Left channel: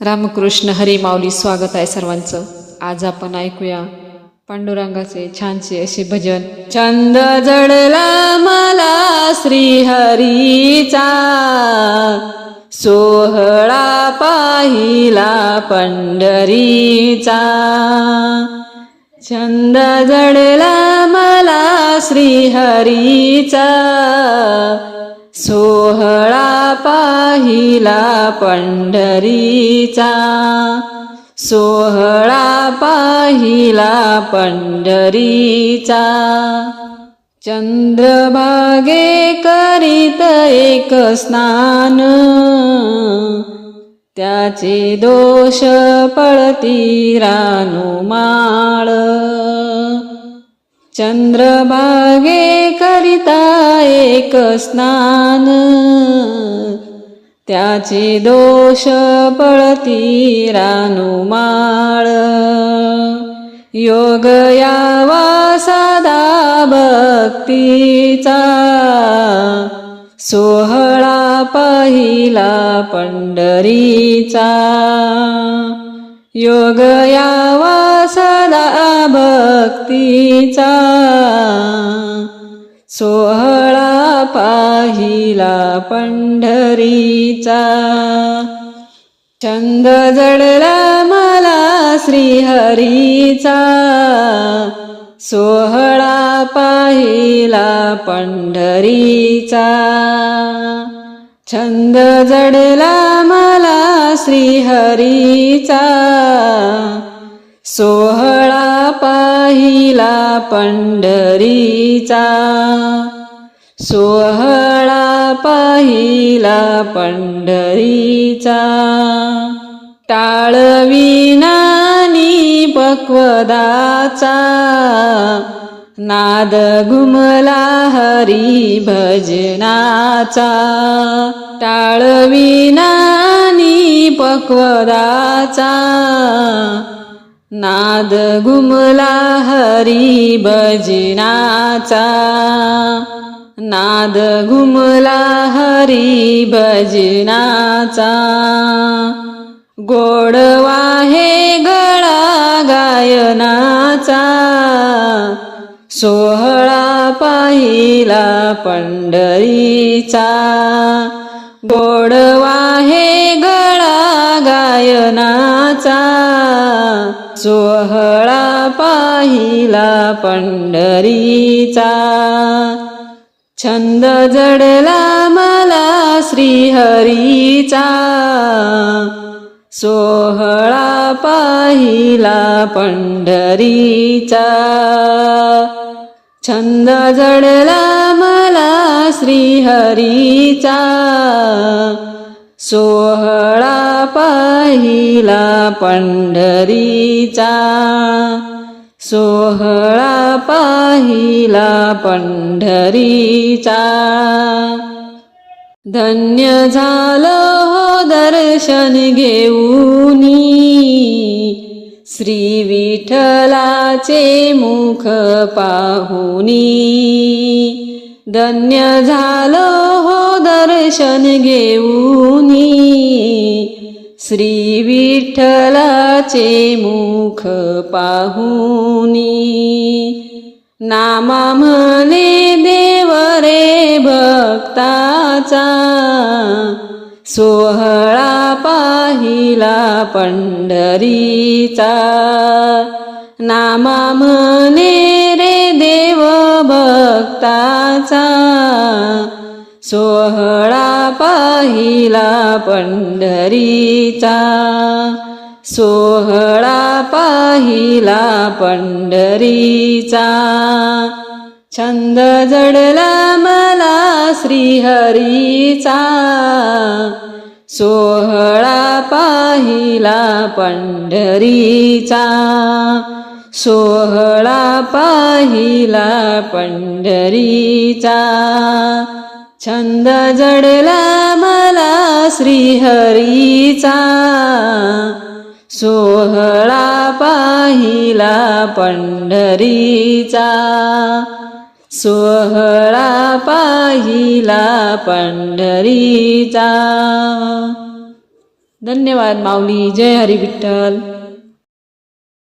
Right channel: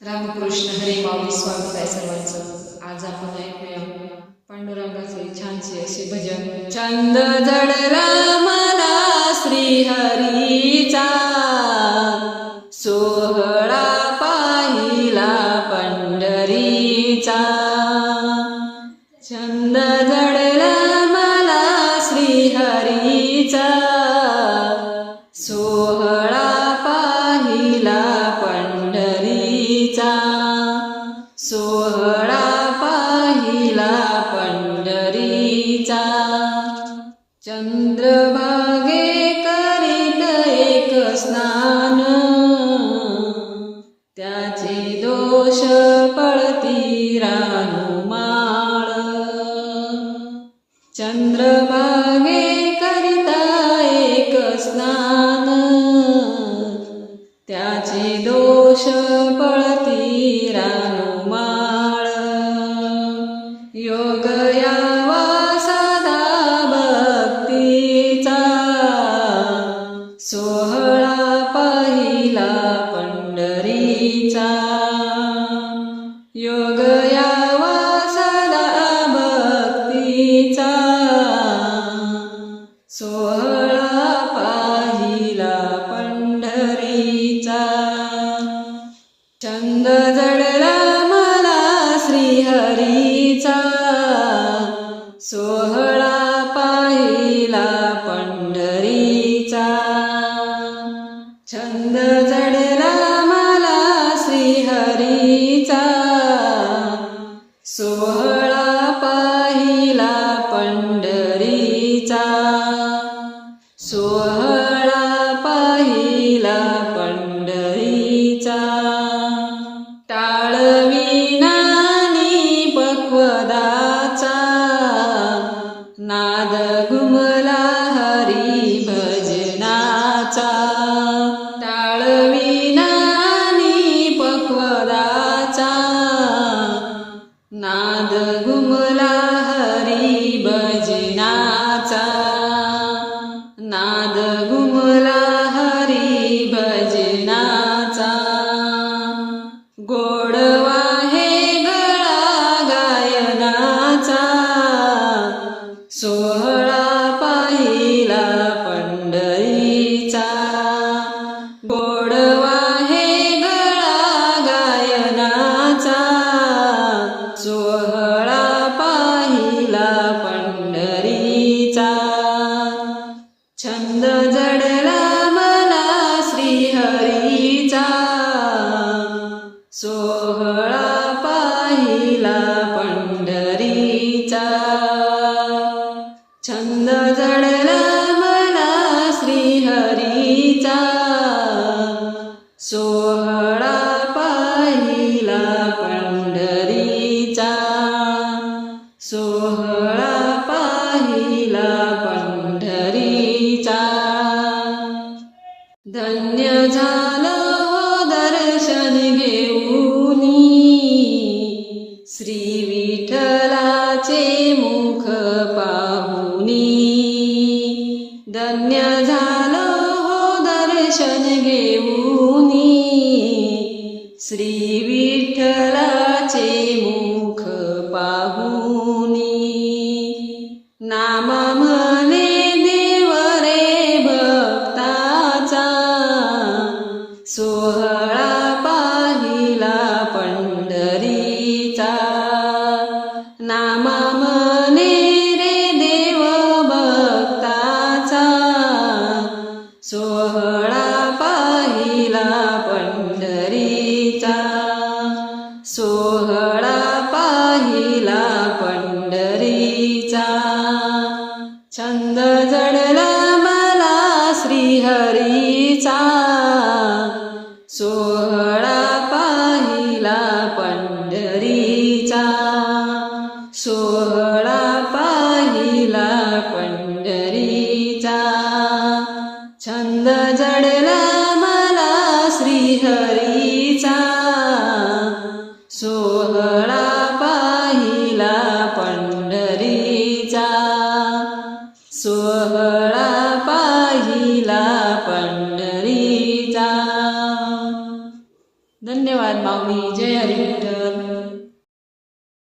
रामकृष्ण हरी माऊली स्वागत आहे सर्वांचं. आज आपण ऐकूया पांडुरंगाचे छानसे असे भजन. चंद जडला मला श्रीहरीचा सोहळा पाहिला पंढरीचा. छंद जडला मला श्रीहरीचा सोहळा पाहिला पंढरीचा सोहळा पाहिला पंढरीचा. चंद्रभागे करीत एक स्नान त्याचे दोष पळती रानुमाळ. चंद्रभागे करिता एक स्नान त्याचे दोष पळती रानुमाळ योग यावा सदा भक्तीचा. सोहळा पाहिला पंढरीचा. योग यावा सदा भक्तीचा. सोहळा पाहिला पंढरी पंढरीचा छंद जडला मला श्रीहरीचा. सोहळा पाहिला पंढरीचा. छंद जडला मला श्रीहरीचा. सोहळा पाहिला पंढरीचा. सोहळा पाहिला पंढरीचा. टाळविनानी पक्वदाचा. नाद घुमला हरी भजनाचा. टाळविनानी पक्वदाचा. नाद घुमला हरी भजनाचा. नाद घुमला हरी भजनाचा. गोडवा हे गळा गायनाचा. सोहळा पाहिला पंढरीचा. गोडवा हे गळा गायनाचा. सोहळा पाहिला पंढरीचा. छंद जडला मला श्रीहरीचा. सोहळा पाहिला पंढरीचा. छंद जडला मला श्रीहरीचा. सोहळा पाहिला पंढरीचा. सोहळा पाहिला पंढरीचा. धन्य झालं हो दर्शन घेऊनी. श्री विठ्ठलाचे मुख पाहुनी. धन्य झालं हो दर्शन घेऊनी. श्री विठ्ठलाचे मुख पाहुनी. नामा म्हणे देव रे भक्ताचा सोहळा पाहिला पंढरीचा. नामा म्हणे रे देव भक्ताचा सोहळा पाहिला पंढरी पंढरीचा सोहळा पाहिला पंढरीचा. छंद जडला मला श्रीहरीचा. सोहळा पाहिला पंढरीचा. सोहळा पाहिला पंढरीचा. छंद जडला श्रीहरीचा सोहळा पाहिला पंढरीचा. सोहळा पाहिला पंढरीचा. धन्यवाद माऊली जय हरी विठ्ठल.